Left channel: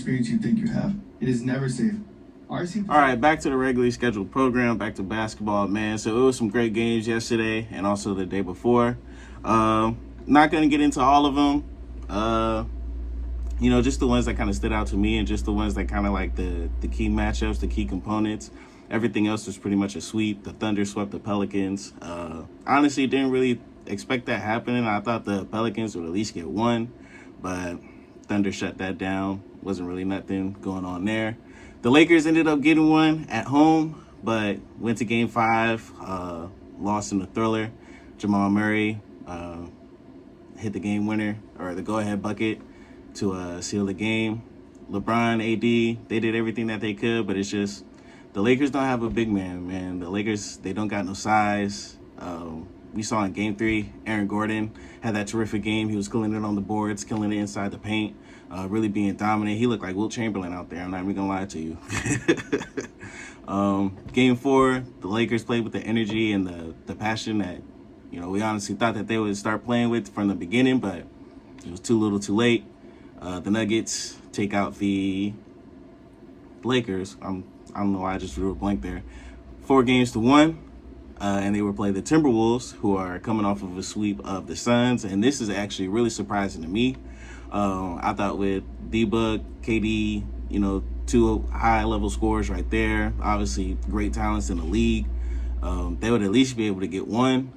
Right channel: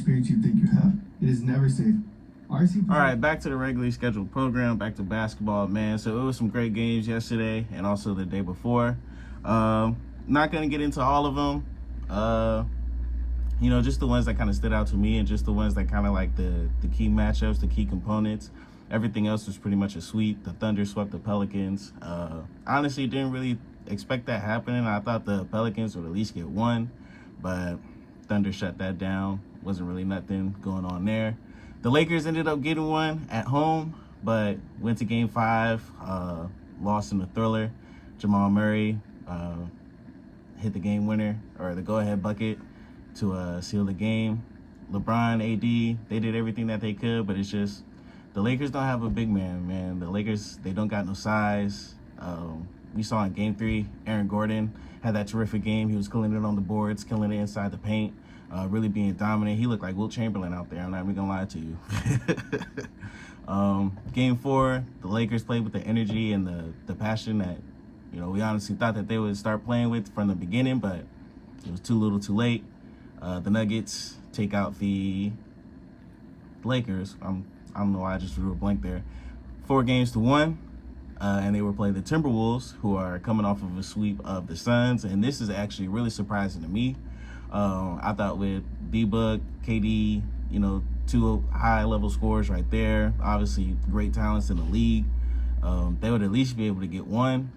experience you think you have. It is never safe. All right, back to the regularly scheduled program, back to basketball, man. So it was some great games yesterday and also the day before. Not going to get into all of them. Just the ones that kind of stood out to me and just the ones that kind of like the key matchups, the key components. Everything else was pretty much a sweep. The Thunder swept the Pelicans. Honestly, didn't really expect that happening. I thought the Pelicans would at least get one, but Thunder shut that down. Wasn't really nothing going on there. The Lakers ended up getting one at home, but went to Game 5, lost in the thriller. Jamal Murray hit the game winner, or the go-ahead bucket, to seal the game. LeBron, AD, they did everything that they could, but it's just the Lakers don't have a big man. The Lakers, they don't got no size. We saw in Game 3, Aaron Gordon had that terrific game. He was killing it on the boards, killing it inside the paint. Really being dominant. He looked like Wilt Chamberlain out there. I'm not even gonna lie to you. Game 4, the Lakers played with the energy and the passion that, we honestly thought that they would start playing with from the beginning, but it was too little too late. The Nuggets take out the Lakers. I don't know why I just drew a blank there. 4-1. And they will play the Timberwolves, who are coming off of a sweep of the Suns. And this is actually really surprising to me. I thought with D-Book, KD, two high-level scorers right there, obviously great talents in the league, they would at least be able to get one.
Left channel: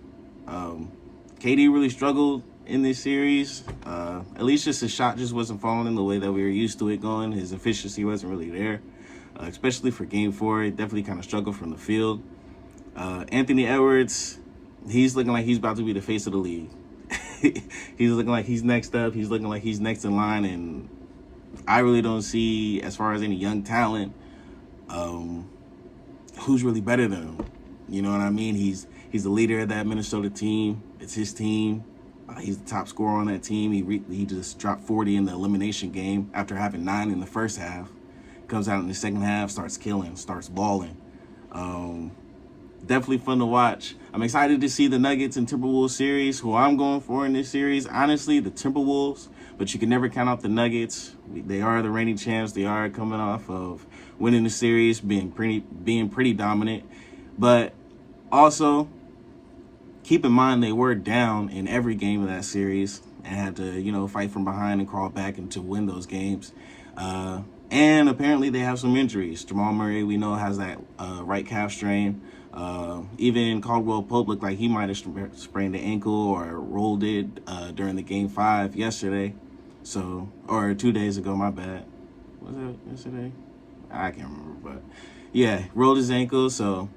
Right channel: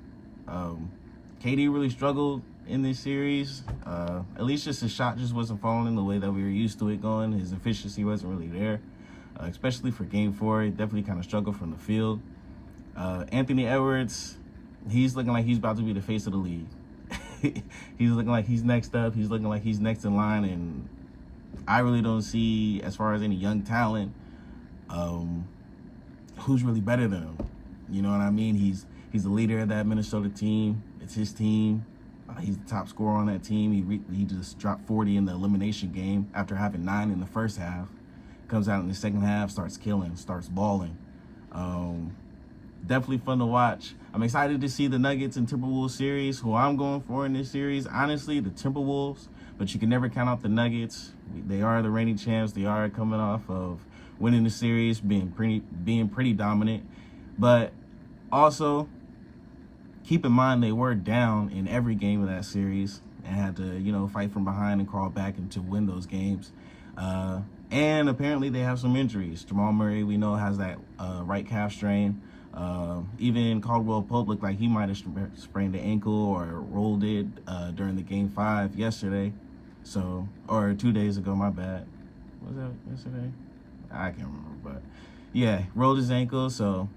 KD really struggled in this series. At least just his shot just wasn't falling the way that we were used to it going. His efficiency wasn't really there, especially for Game 4. He definitely kind of struggled from the field. Anthony Edwards, he's looking like he's about to be the face of the league. He's looking like he's next up. He's looking like he's next in line, and I really don't see, as far as any young talent, who's really better than him. You know what I mean? He's the leader of that Minnesota team. It's his team. He's the top scorer on that team. He just dropped 40 in the elimination game after having 9 in the first half. Comes out in the second half, starts killing, starts balling. Definitely fun to watch. I'm excited to see the Nuggets and Timberwolves series. Who I'm going for in this series, honestly, the Timberwolves. But you can never count out the Nuggets. They are the reigning champs. They are coming off of winning the series, being pretty dominant. But also, keep in mind they were down in every game of that series and had to, fight from behind and crawl back and to win those games. And apparently they have some injuries. Jamal Murray, we know, has that right calf strain. Even Caldwell Pope looked like he might have sprained the ankle or rolled it during the Game 5 yesterday. Or 2 days ago, my bad. Was that yesterday? I can't remember, but yeah, rolled his ankle. So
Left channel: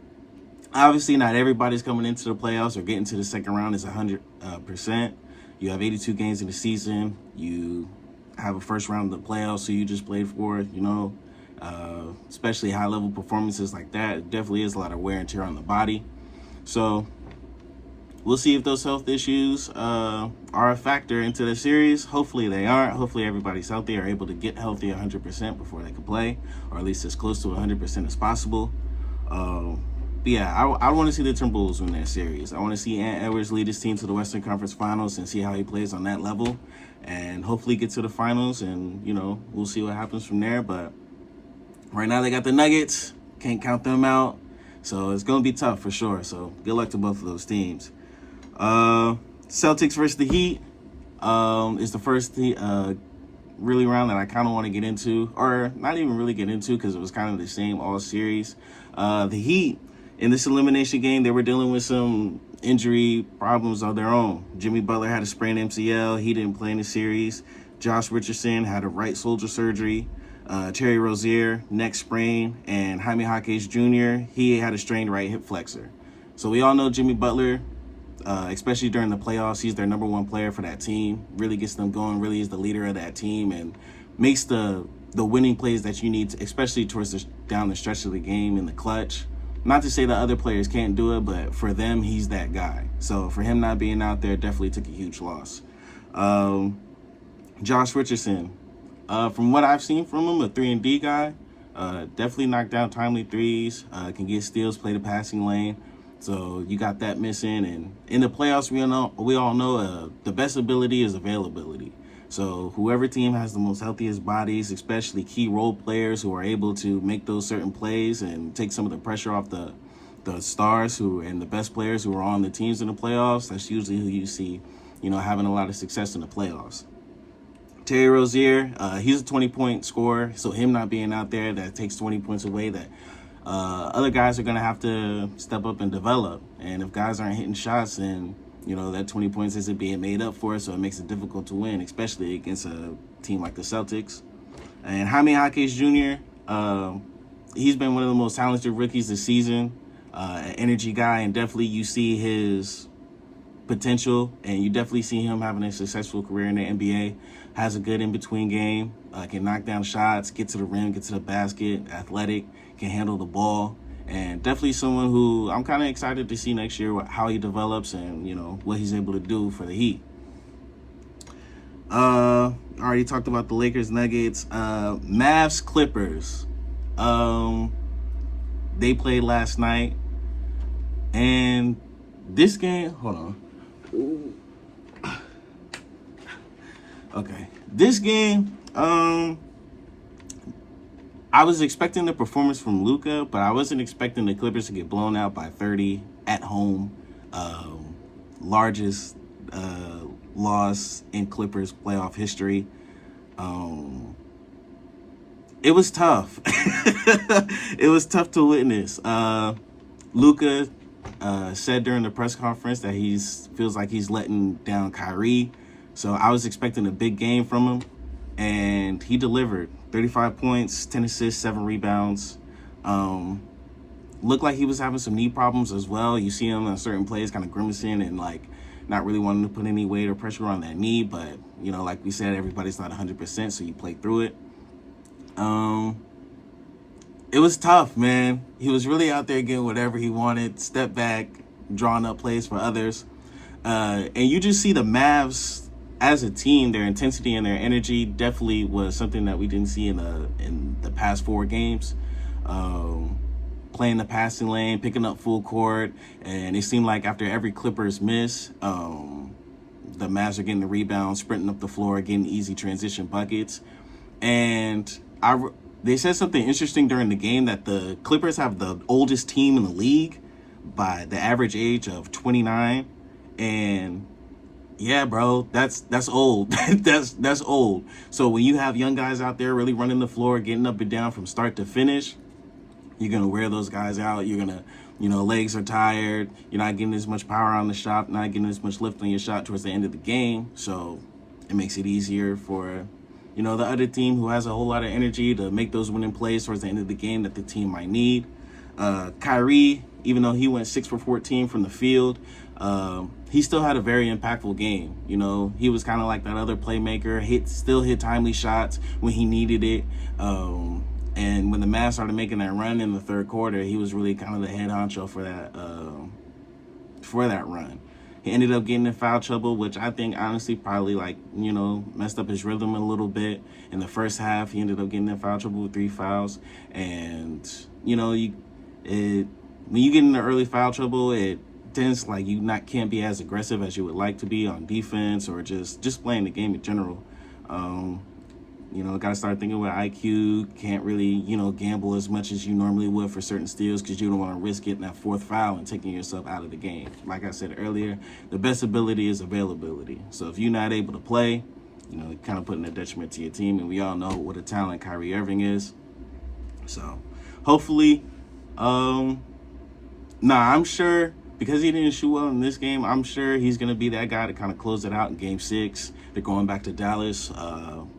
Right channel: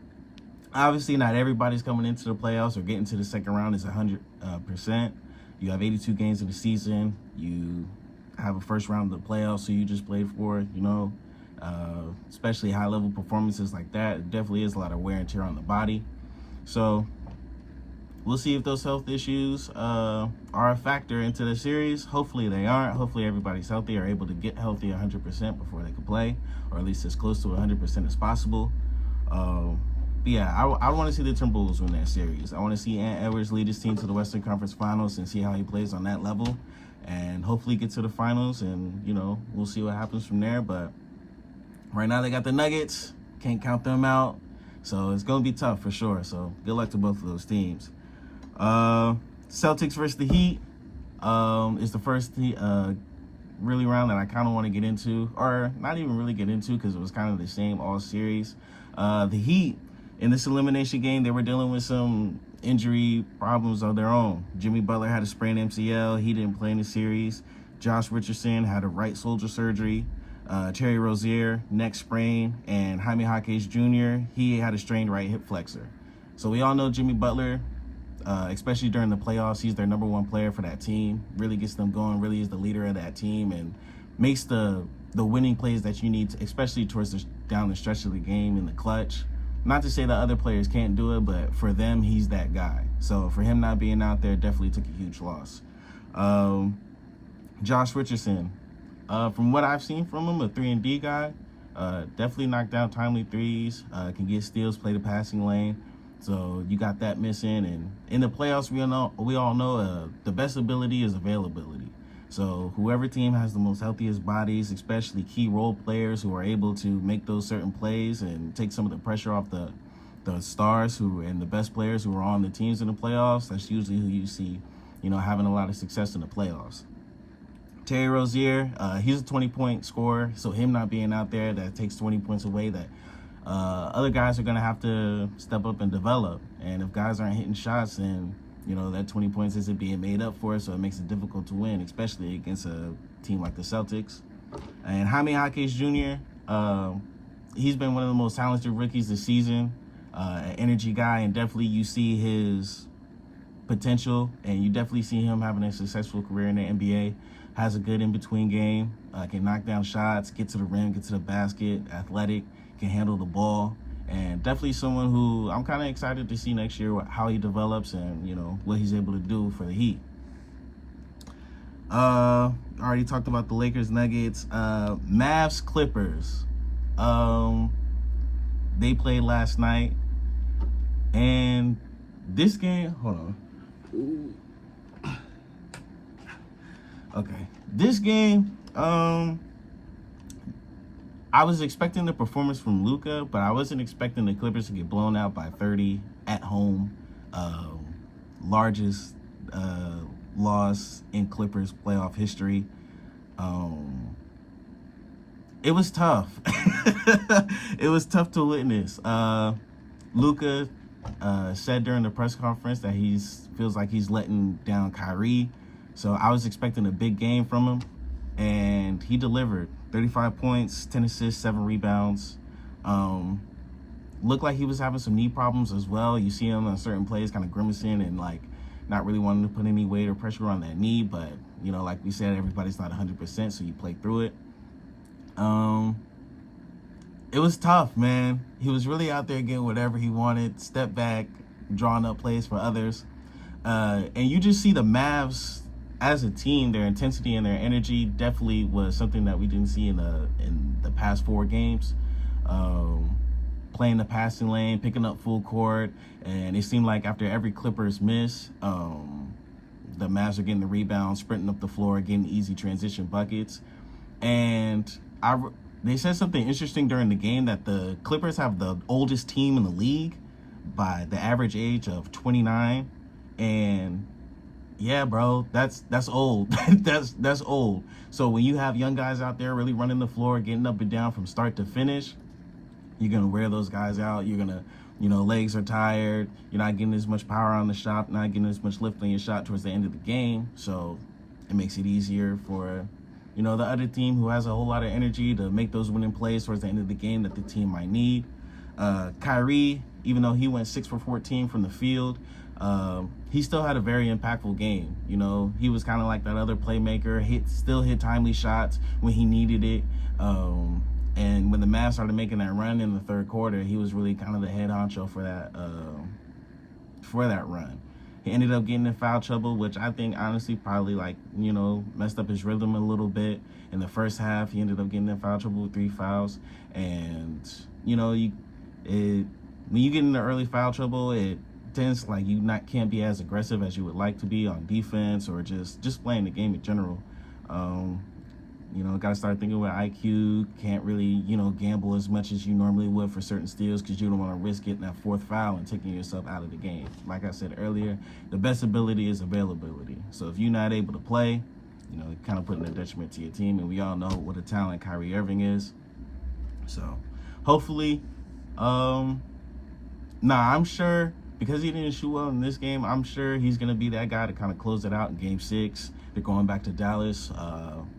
obviously not everybody's coming into the playoffs or getting to the second round is 100%. You have 82 games in the season. You have a first round of the playoffs, so you just played for, especially high-level performances like that. It definitely is a lot of wear and tear on the body. So we'll see if those health issues are a factor into the series. Hopefully they aren't. Hopefully everybody's healthy or able to get healthy 100% before they can play, or at least as close to 100% as possible. But yeah, I want to see the Timberwolves win that series. I want to see Ant Edwards lead his team to the Western Conference Finals and see how he plays on that level, and hopefully get to the finals, and, we'll see what happens from there. But right now they got the Nuggets. Can't count them out. So it's going to be tough for sure. So good luck to both of those teams. Celtics versus the Heat is the first really round that I kind of want to get into, or not even really get into, because it was kind of the same all series. The Heat, in this elimination game, they were dealing with some injury problems of their own. Jimmy Butler had a sprained MCL. He didn't play in the series. Josh Richardson had a right shoulder surgery. Terry Rozier, neck sprain. And Jaime Jaquez Jr., he had a strained right hip flexor. So we all know Jimmy Butler, especially during the playoffs, he's their number one player for that team. Really gets them going, really is the leader of that team, and makes the winning plays that you need, especially towards down the stretch of the game in the clutch. Not to say that other players can't do it, but for them, he's that guy. So for him not being out there, definitely took a huge loss. Josh Richardson, from what I've seen from him, a 3-and-D guy, definitely knocked down timely threes, can get steals, play the passing lane. So you got that missing. And in the playoffs, we all know the best ability is availability. So whoever team has the most healthiest bodies, especially key role players who are able to make those certain plays and take some of the pressure off the stars and the best players who are on the teams in the playoffs, that's usually who you see, having a lot of success in the playoffs. Terry Rozier, he's a 20-point scorer, so him not being out there, that takes 20 points away that other guys are going to have to step up and develop. And if guys aren't hitting shots, then, that 20 points isn't being made up for, so it makes it difficult to win, especially against a team like the Celtics. And Jaime Jaquez Jr., he's been one of the most talented rookies this season, an energy guy, and definitely you see his potential, and you definitely see him having a successful career in the NBA. Has a good in-between game, can knock down shots, get to the rim, get to the basket, athletic, can handle the ball, and definitely someone who I'm kind of excited to see next year how he develops and, what he's able to do for the Heat. Already talked about the Lakers, Nuggets, Mavs, Clippers. They played last night, and this game, hold on. Okay, this game, I was expecting the performance from Luka, but I wasn't expecting the Clippers to get blown out by 30 at home. Largest loss in Clippers playoff history. It was tough. It was tough to witness. Luka said during the press conference that he feels like he's letting down Kyrie. So I was expecting a big game from him, and he delivered. 35 points, 10 assists, 7 rebounds. Looked like he was having some knee problems as well. You see him on certain plays kind of grimacing and not really wanting to put any weight or pressure on that knee. But, like we said, everybody's not 100%, so you play through it. It was tough, man. He was really out there getting whatever he wanted, step back, drawing up plays for others. And you just see the Mavs as a team, their intensity and their energy definitely was something that we didn't see in the past 4 games. Playing the passing lane, picking up full court, and it seemed like after every Clippers miss, the Mavs are getting the rebound, sprinting up the floor, getting easy transition buckets. And they said something interesting during the game that the Clippers have the oldest team in the league by the average age of 29, and yeah, bro, that's old. that's old. So when you have young guys out there really running the floor, getting up and down from start to finish, you're gonna wear those guys out. You're gonna, legs are tired. You're not getting as much power on the shot, not getting as much lift on your shot towards the end of the game. So it makes it easier for, the other team who has a whole lot of energy to make those winning plays towards the end of the game that the team might need. Kyrie, even though he went 6 for 14 from the field, he still had a very impactful game. He was kind of like that other playmaker, still hit timely shots when he needed it. And when the Mavs started making that run in the third quarter, he was really kind of the head honcho for that run. He ended up getting in foul trouble, which I think honestly probably messed up his rhythm a little bit. In the first half, he ended up getting in foul trouble with 3 fouls. And, when you get into early foul trouble, it tends can't be as aggressive as you would like to be on defense or just playing the game in general. Got to start thinking with IQ. Can't really, gamble as much as you normally would for certain steals because you don't want to risk getting that 4th foul and taking yourself out of the game. Like I said earlier, the best ability is availability. So if you're not able to play, kind of putting a detriment to your team. And we all know what a talent Kyrie Irving is. So hopefully, I'm sure because he didn't shoot well in this game, I'm sure he's going to be that guy to kind of close it out in Game 6. They're going back to Dallas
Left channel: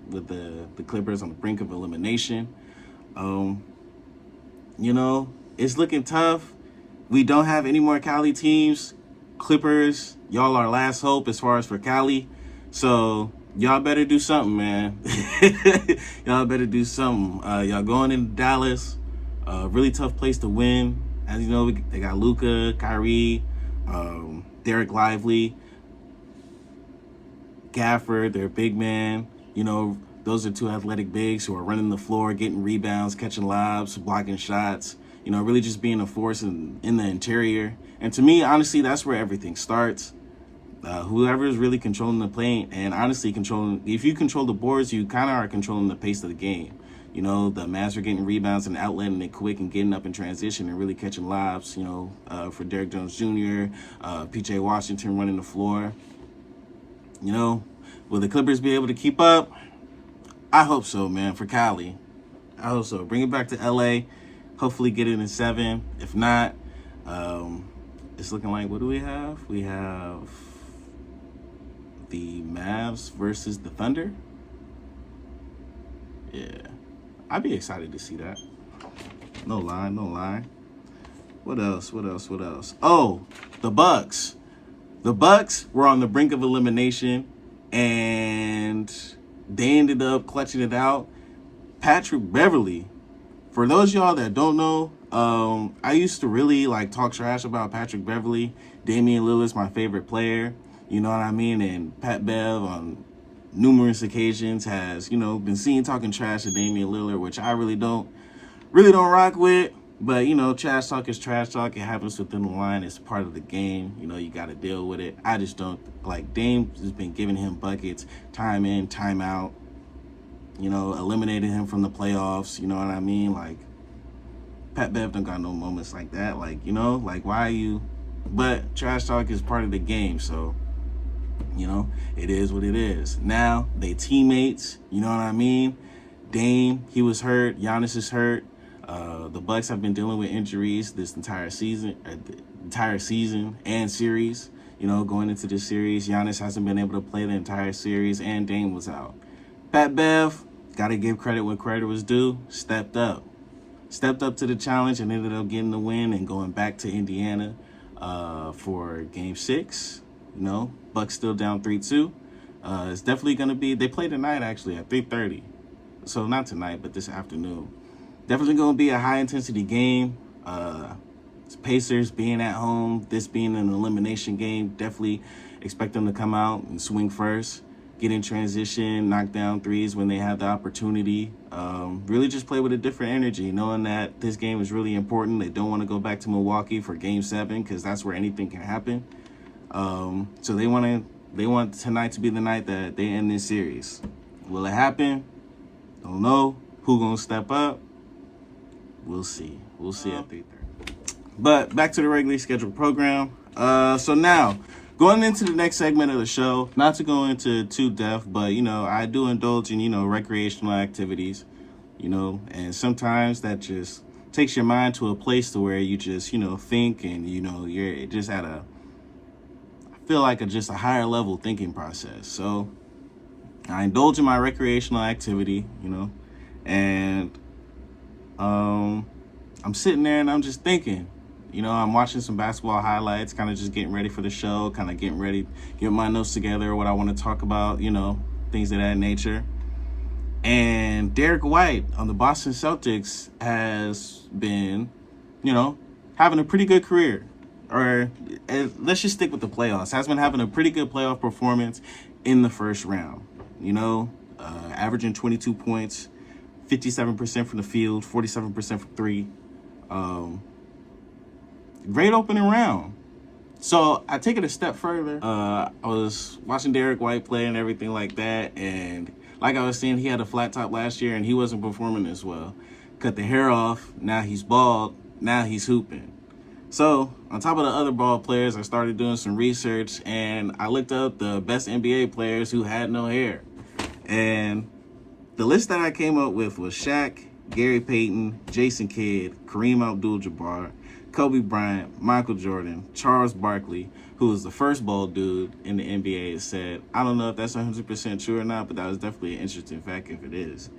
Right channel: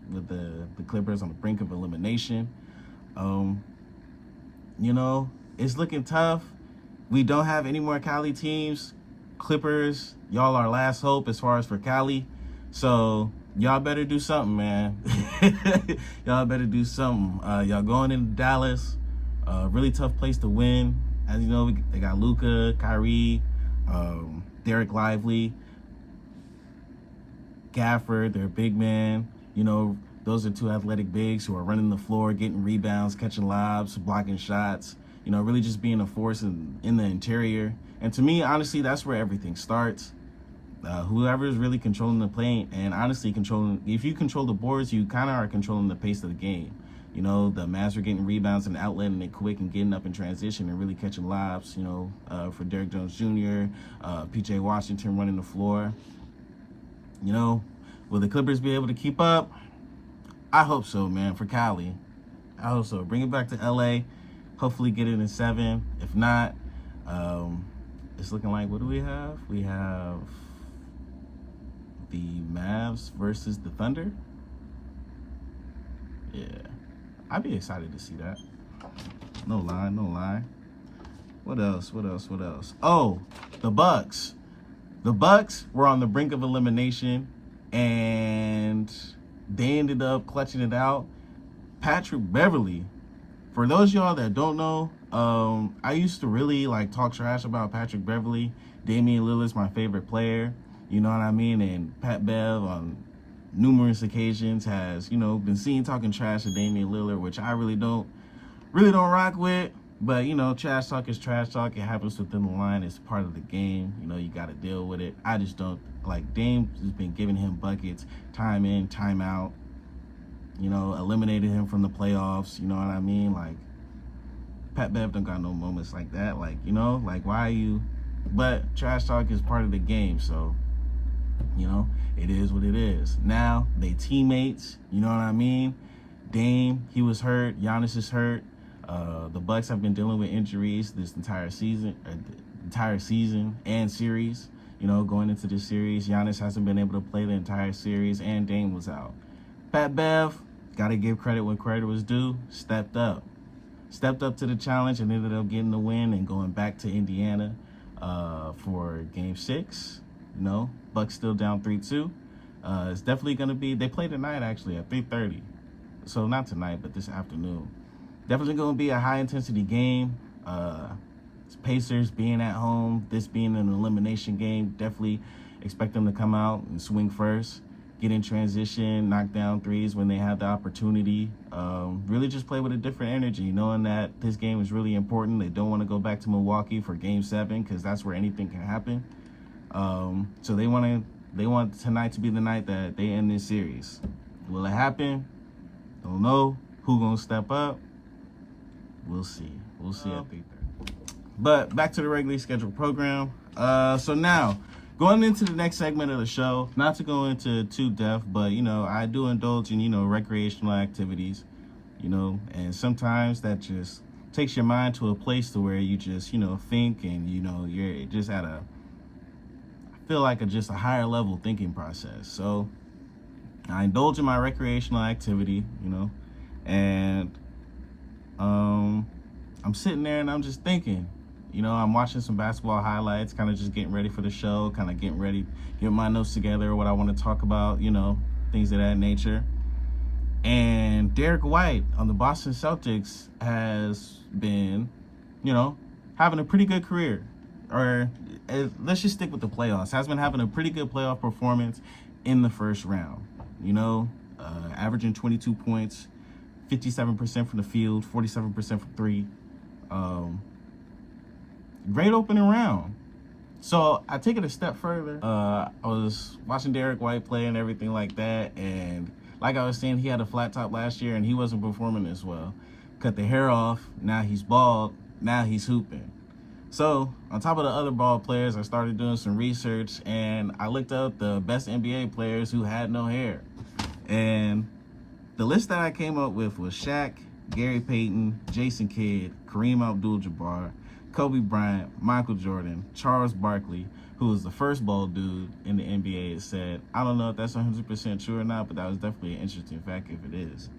with the Clippers on the brink of elimination. It's looking tough. We don't have any more Cali teams. Clippers, y'all are last hope as far as for Cali. So y'all better do something, man. Y'all better do something. Y'all going into Dallas, really tough place to win. As you know, they got Luka, Kyrie, Derek Lively, Gafford, their big man. Those are 2 athletic bigs who are running the floor, getting rebounds, catching lobs, blocking shots, really just being a force in the interior. And to me, honestly, that's where everything starts. Whoever is really controlling the paint and honestly if you control the boards, you kind of are controlling the pace of the game. You know, the Mavs are getting rebounds and outletting it quick and getting up in transition and really catching lobs, you know, for Derrick Jones Jr., PJ Washington running the floor. You know, will the Clippers be able to keep up? I hope so, man, for Cali. I hope so. Bring it back to LA. Hopefully get it in 7. If not, it's looking like, what do we have? We have the Mavs versus the Thunder. Yeah. I'd be excited to see that. No lie. What else? Oh, the Bucks. The Bucks were on the brink of elimination, and they ended up clutching it out. Patrick Beverley. For those of y'all that don't know, I used to really talk trash about Patrick Beverley. Damian Lillard's my favorite player. You know what I mean? And Pat Bev on numerous occasions has, you know, been seen talking trash to Damian Lillard, which I really don't rock with. But, you know, trash talk is trash talk. It happens within the line. It's part of the game. You know, you got to deal with it. I just don't, Dame has been giving him buckets time in, time out. You know, eliminated him from the playoffs. You know what I mean? Pat Bev don't got no moments like that. You know, why are you... But trash talk is part of the game, so... You know, it is what it is. Now, they teammates, you know what I mean? Dame, he was hurt. Giannis is hurt. The Bucks have been dealing with injuries this entire season and series. You know, going into this series, Giannis hasn't been able to play the entire series, and Dame was out. Pat Bev, got to give credit when credit was due, stepped up to the challenge and ended up getting the win and going back to Indiana for Game 6. You know, Bucks still down 3-2. It's definitely going to be... They play tonight, actually, at 3:30. So not tonight, but this afternoon. Definitely going to be a high-intensity game. Pacers being at home, this being an elimination game, definitely expect them to come out and swing first, get in transition, knock down threes when they have the opportunity. Really just play with a different energy, knowing that this game is really important. They don't want to go back to Milwaukee for Game 7 because that's where anything can happen. So they want tonight to be the night that they end this series. Will it happen? Don't know. Who gonna step up? We'll see. We'll see at 3:30. But back to the regularly scheduled program. So now, going into the next segment of the show, not to go into too depth, but, you know, I do indulge in, you know, recreational activities, you know, and sometimes that just takes your mind to a place to where you just, you know, think and, you know, you're just at just a higher level thinking process. So I indulge in my recreational activity, you know, and I'm sitting there and I'm just thinking, you know, I'm watching some basketball highlights, kind of just getting ready for the show, kind of getting ready, getting my notes together, what I want to talk about, you know, things of that nature. And Derrick White on the Boston Celtics has been, you know, having a pretty good career. Or let's just stick with the playoffs. Has been having a pretty good playoff performance in the first round. You know, averaging 22 points, 57% from the field, 47% from three. Great opening round. So I take it a step further. I was watching Derrick White play and everything like that. And like I was saying, he had a flat top last year and he wasn't performing as well. Cut the hair off. Now he's bald. Now he's hooping. So, on top of the other ball players, I started doing some research, and I looked up the best NBA players who had no hair. And the list that I came up with was Shaq, Gary Payton, Jason Kidd, Kareem Abdul-Jabbar, Kobe Bryant, Michael Jordan, Charles Barkley, who was the first bald dude in the NBA, and said, I don't know if that's 100% true or not, but that was definitely an interesting fact if it is.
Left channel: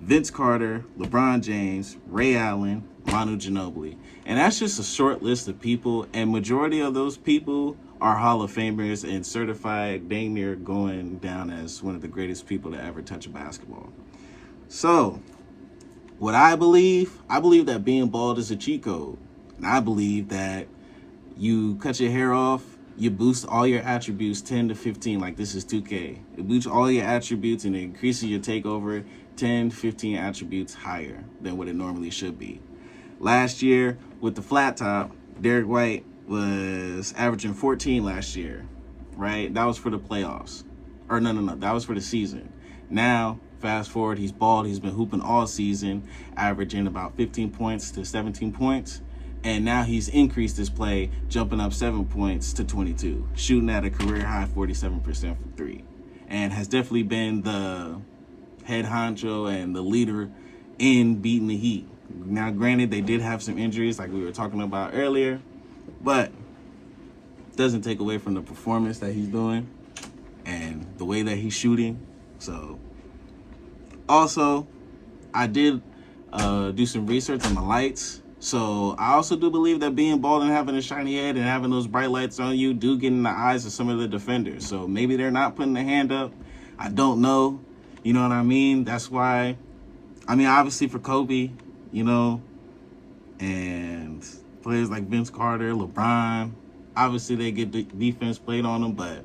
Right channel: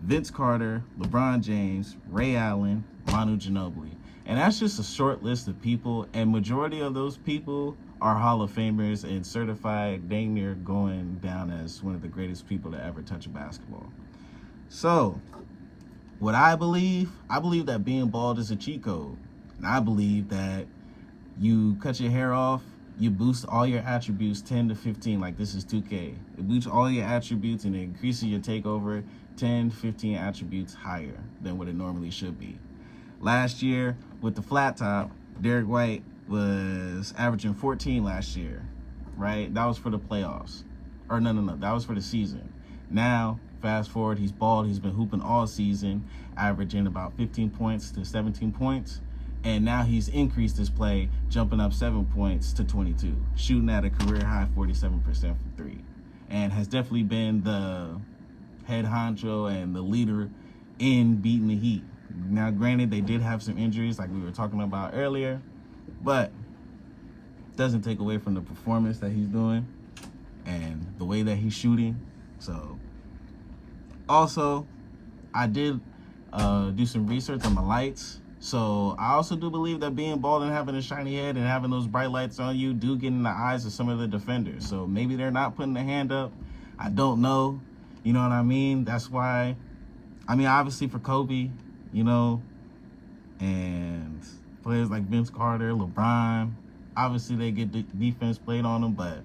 Vince Carter, LeBron James, Ray Allen, Manu Ginobili. And that's just a short list of people, and majority of those people are Hall of Famers and certified dang near going down as one of the greatest people to ever touch a basketball. So, what I believe that being bald is a cheat code. And I believe that you cut your hair off, you boost all your attributes 10 to 15, like this is 2K. It boosts all your attributes and it increases your takeover 10, 15 attributes higher than what it normally should be. Last year, with the flat top, Derrick White was averaging 14 last year. right? That was for the playoffs. Or no. That was for the season. Now, fast forward, he's bald. He's been hooping all season, averaging about 15 points to 17 points. And now he's increased his play, jumping up 7 points to 22, shooting at a career high 47% from three. And has definitely been the head honcho and the leader in beating the Heat. Now, granted, they did have some injuries like we were talking about earlier, but doesn't take away from the performance that he's doing and the way that he's shooting. So, also, I did do some research on the lights. So I also do believe that being bald and having a shiny head and having those bright lights on you do get in the eyes of some of the defenders. So maybe they're not putting their hand up. I don't know. You know what I mean? That's why, obviously for Kobe, and players like Vince Carter, LeBron, obviously they get defense played on them, but,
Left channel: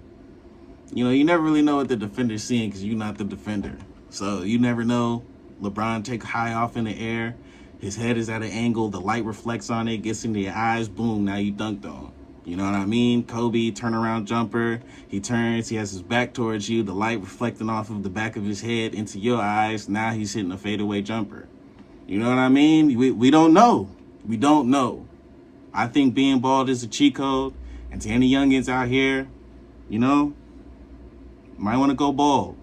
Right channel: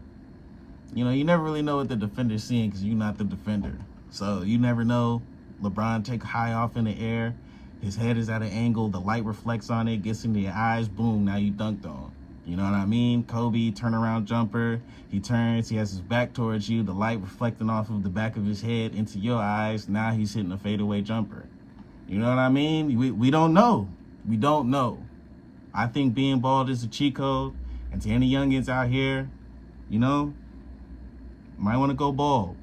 you never really know what the defender's seeing because you're not the defender. So you never know. LeBron take high off in the air. His head is at an angle, the light reflects on it, gets into your eyes, boom, now you dunked on. You know what I mean? Kobe, turnaround jumper, he turns, he has his back towards you, the light reflecting off of the back of his head into your eyes, now he's hitting a fadeaway jumper. You know what I mean? We don't know. We don't know. I think being bald is a cheat code, and to any youngins out here, might want to go bald,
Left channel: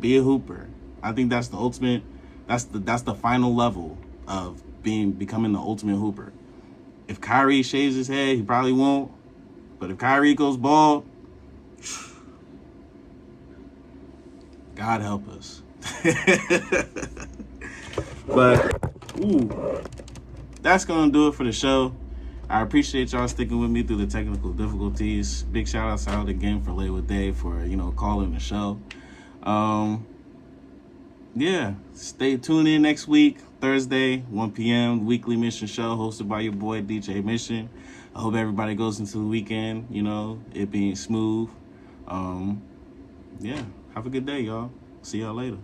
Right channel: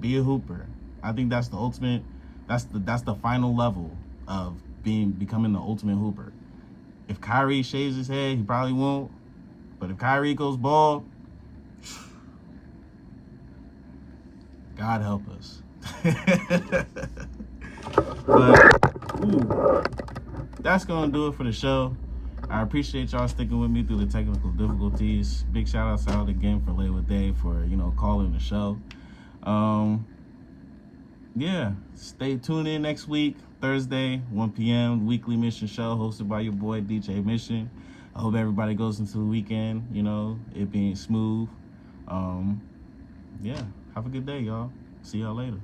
be a hooper. I think that's the ultimate. That's the final level of becoming the ultimate hooper. If Kyrie shaves his head, he probably won't. But if Kyrie goes bald, God help us. But that's gonna do it for the show. I appreciate y'all sticking with me through the technical difficulties. Big shout outs out again for Lay with Dave for calling the show. Yeah, stay tuned in next week, Thursday, 1 p.m., Weekly Mission Show hosted by your boy, DJ Mission. I hope everybody goes into the weekend, it being smooth. Yeah, have a good day, y'all. See y'all later.